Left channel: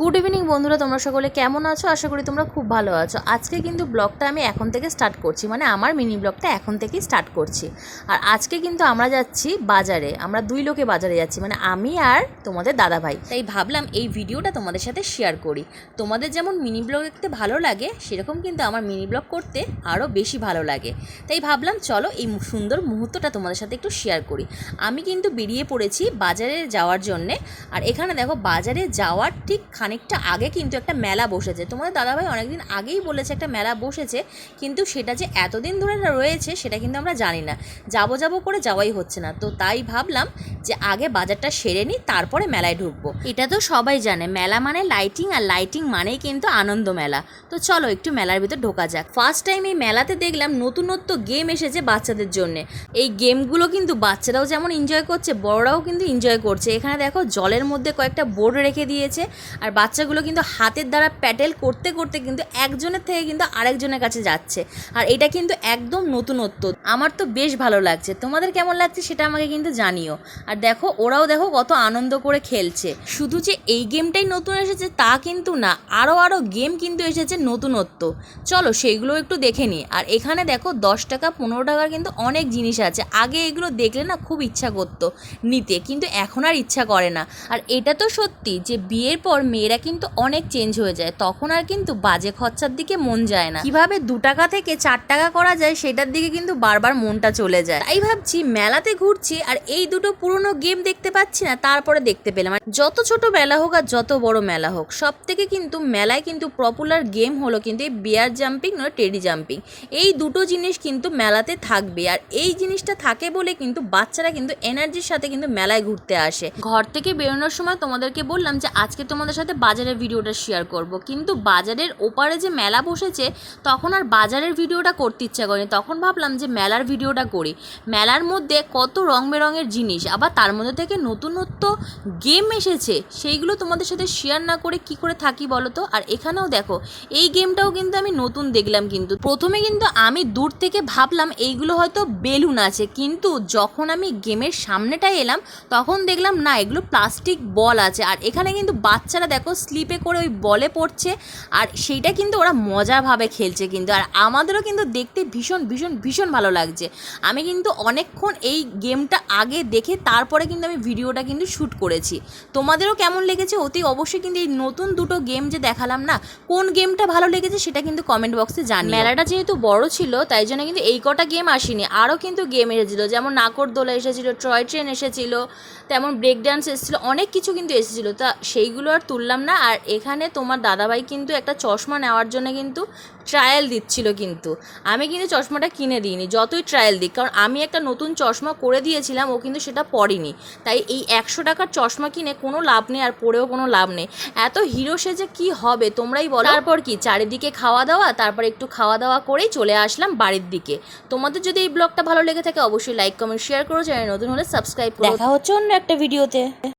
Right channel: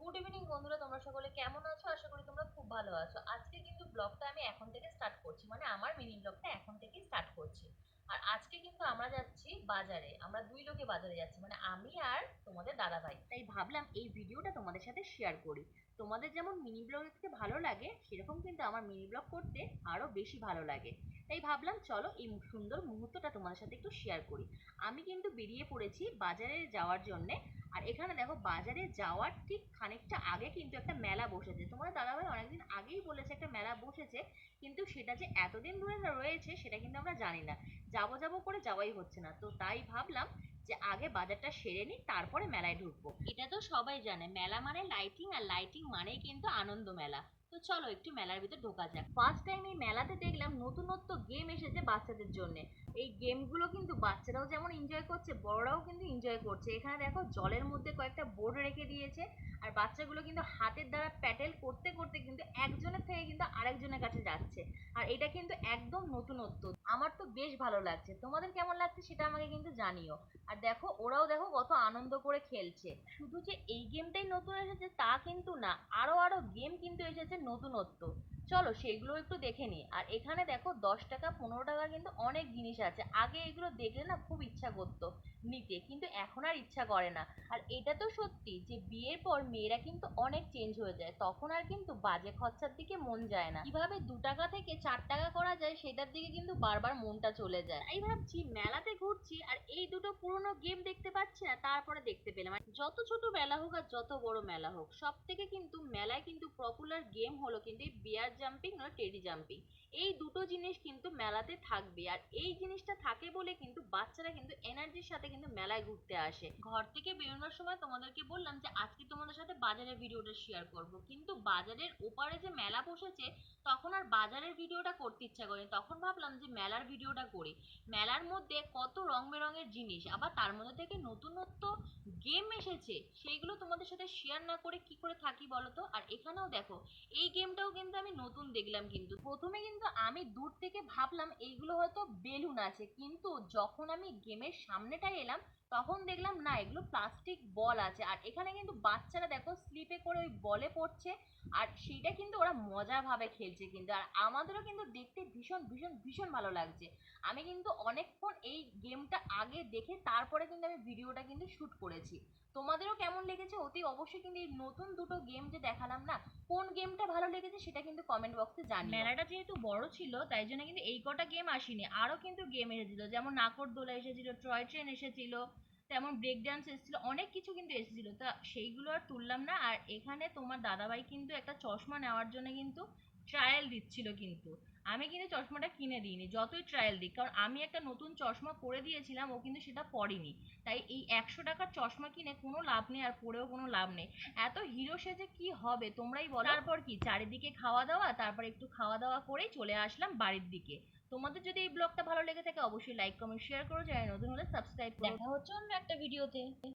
Good evening বন্ধুরা, তোমরা সকলে কেমন আছো? আশা করি তোমরা খুব ভালো আছো। আজকে কিন্তু ব্লগটা আমি এখন থেকে স্টার্ট করছি, মানে আমার মিনি ব্লগটা এখন থেকেই স্টার্ট করছি। আর আজকে কিন্তু আমরা যাচ্ছি বাজারে, আমরা দুই লোকে বাজারে যাচ্ছি, মানে আমি আর তোমাদের দাদা ভাই। তাই ভাবলাম এই ভিডিওটা তোমাদের সাথে শেয়ার করি। তোমাদের যেমন মিনি ব্লগ দেখতে ভালো লাগে, সেরকম কিন্তু আমার মিনি ব্লগ করতে আরও বেশি ভালো লাগে। তাই ভাবলাম চলো এই সুন্দর মুহূর্তটা তোমাদের সাথে একটু শেয়ার করি। আমি কিন্তু বেরিয়ে পড়েছি বাজারে যাওয়ার জন্যে। আর এখানে দেখো, বাজারে যাওয়ার ঠিক খানিকটা আগে কিন্তু একটা মেলা বসেছে। তোমাদের দাদাভাই অনেকদিন আগেই বলেছে একটা মেলা বসেছে, কিন্তু সেটা যে এতদিন ধরে রয়েছে সেটা কিন্তু আমরা জানি না। যাবো করে যাওয়াই হচ্ছে না। তো তাই ভাবলাম যে আগে বাজারটা সেরে নিই, তারপরে মেলায় ঢুকবো। এটা তো সবাই জানে, মেলা মানে লাইটিং, আর লাইটিং মানেই কিন্তু আনন্দ মেলা। তো চলো একটু মেলার ভিতর ঢোকা যাক। ফার্স্ট টাইম এই মেলাতে দেখলাম নতুনত্ব গেম এসেছে বাচ্চাদের জন্য। এই গেমগুলো কিন্তু বাচ্চারাও যেমন এনজয় করছে, বড়রাও কিন্তু এনজয় করছে। এখানে দেখো জলের মধ্যে কয়েকটা বোর্ড রেখে দিয়েছে, আর বাচ্চাগুলো কিন্তু হাতের দ্বারা প্যাডেল করতে করতে কিন্তু একজনের থেকে কিন্তু আরেকজনের কাছে যাচ্ছে। আর এটা কিন্তু একদম নতুনত্ব, আমার তো বেশ ভালো লাগছে। তোমাদের কেমন লাগছে সেটা আমাকে কিন্তু জানিও। আর দেখো ওরাও দেখো কত আনন্দ করে খেলছে। শুধু যে এই গেমটাই নতুন এসেছে তা কিন্তু না, আরও গেম কিন্তু এসেছে নতুনত্ব। চলো সেইগুলো একটু দেখে নিই। আর এখানে দেখো 10 টাকা 15 টাকার কিন্তু অনেক জিনিস আছে। আগে এগুলো দেখলে না খুব ইচ্ছা করতো নিতে, কিন্তু এখন আর ইচ্ছা করে না। আর এটা তো সত্যি যে বিয়ের পর মেয়েরা কিন্তু অনেক চেঞ্জ হয়ে যায়, তখন আর কিন্তু বাজে খরচার দিকে মন যায় না। কিভাবে 2 টাকা থেকে 4 টাকা করা যায় সেটার দিকে কিন্তু বারবার মনটা চলে যায়। তাই ভাবছি মেলাতে ঘুরছি আর এই দুটো পুরনো গেম দেখতে পাচ্ছি না, তারপরে দেখতে পেলাম। যত ছোট মেলা হোক আর যত বড় মেলা হোক, সব থেকে কিন্তু মেলায় কিন্তু পপুলার গেম হলো কিন্তু এই বিয়ার জাম্পিং নয় টেডি জাম্পিং। এই দুটো জিনিস কিন্তু মেলাতে থাকবে। আর এই জিনিসটা থাকে বলে কিন্তু বাচ্চারা কিন্তু এনার্জির সাথে কিন্তু মেলায় ঘুরতে আসে। ঘর থেকে বেরোনোর সময় তোমাদেরকে বললাম যে আজকে তোমাদের সাথে বাজারের ভিডিওটা শেয়ার করব, কিন্তু বাজারের ওপারে যে মেলা বসেছে তখন আর বাজারের ভিডিওটা করতে ইচ্ছা করেনি। তখন ভাবলাম যে মেলার ভিডিওটা করি। মেলার মধ্যে কত রং বেরঙের জিনিস, আবার তার মধ্যে থেকে নতুনত্ব গেম এসেছে, সেইগুলো তোমাদের সাথে শেয়ার না করে কি করে থাকি বলো তো। আর এখানেও দেখো এই গেমটাও কিন্তু আমি নতুন দেখলাম। কিন্তু প্রথমে কিন্তু আমি দূর থেকে ভাবলাম এইগুলো হয়তো বেলুন আছে, কিন্তু যখন আমি গেমের সামনেটায় এলাম তখন দেখলাম না, এগুলো প্লাস্টিক বল আছে। আর এখানে কিন্তু বাচ্চারা দেখো স্লিপে করে ওই বলে পড়ছে, আর সেইটা কিন্তু ওরা মজাভাবে খেলছে কিন্তু। আর আমাদেরও কিন্তু দেখতে ভীষণ ভীষণ ভীষণ ভালো লাগছে। আমি কিন্তু অনেকক্ষণ এই গেমটা আগে দেখে তারপরে কিন্তু আমি ভিডিওটা কিন্তু শ্যুট করেছি। তোমাদেরও কেমন লেগেছে অতি অবশ্যই কিন্তু এই নতুন দুটো গেম যে দেখালাম না, কোন গেমটা ভালো লেগেছে সেটা কিন্তু কমেন্ট বক্সে জানি। মেলাটা যেহেতু বড় ছিল তাই জন্য কিন্তু এই কটা গেম আসেনি, আরও কিন্তু গেম এসেছিলো, যেমন নাকরদোলা এসেছিলো, টয় ট্রেন এসেছিলো, তেমন ব্রেক ডান্স এসেছিলো, অনেক কিছু কিন্তু এসেছিলো। তা সেইগুলো আর তুললাম না। আর এখানে তোমার দাদাভাই কিন্তু একটা চশমা নেওয়ার জন্য কিন্তু ট্রায়াল দিচ্ছিল, কিন্তু আমি কিন্তু চশমাটা কিনে দিইনি, যতই ট্রায়াল দিই, কারণ আমি একটা নতুন চশমা করে দিয়েছিলাম, ও কিন্তু সেটা পরেনি। তাই এই 100 টাকার চশমা কিনে কোনো লাভ নেই, আর পরেও কোনো লাভ নেই। এত হিরো সেজে কি হবে তোমরাই বলো। তারপর কি চারিদিকে খাওয়া দাওয়া, তারপর একটু খাওয়া দাওয়া করেই চলে আসলাম বাড়ির দিকে। তোমাদের যদি এই ব্লগটা ভালো লেগে থাকে অবশ্যই লাইক কমেন্ট শেয়ার করো, চ্যানেল নতুন হলে সাবস্ক্রাইব করো। দেখা হচ্ছে অন্য একটা ভিডিওতে।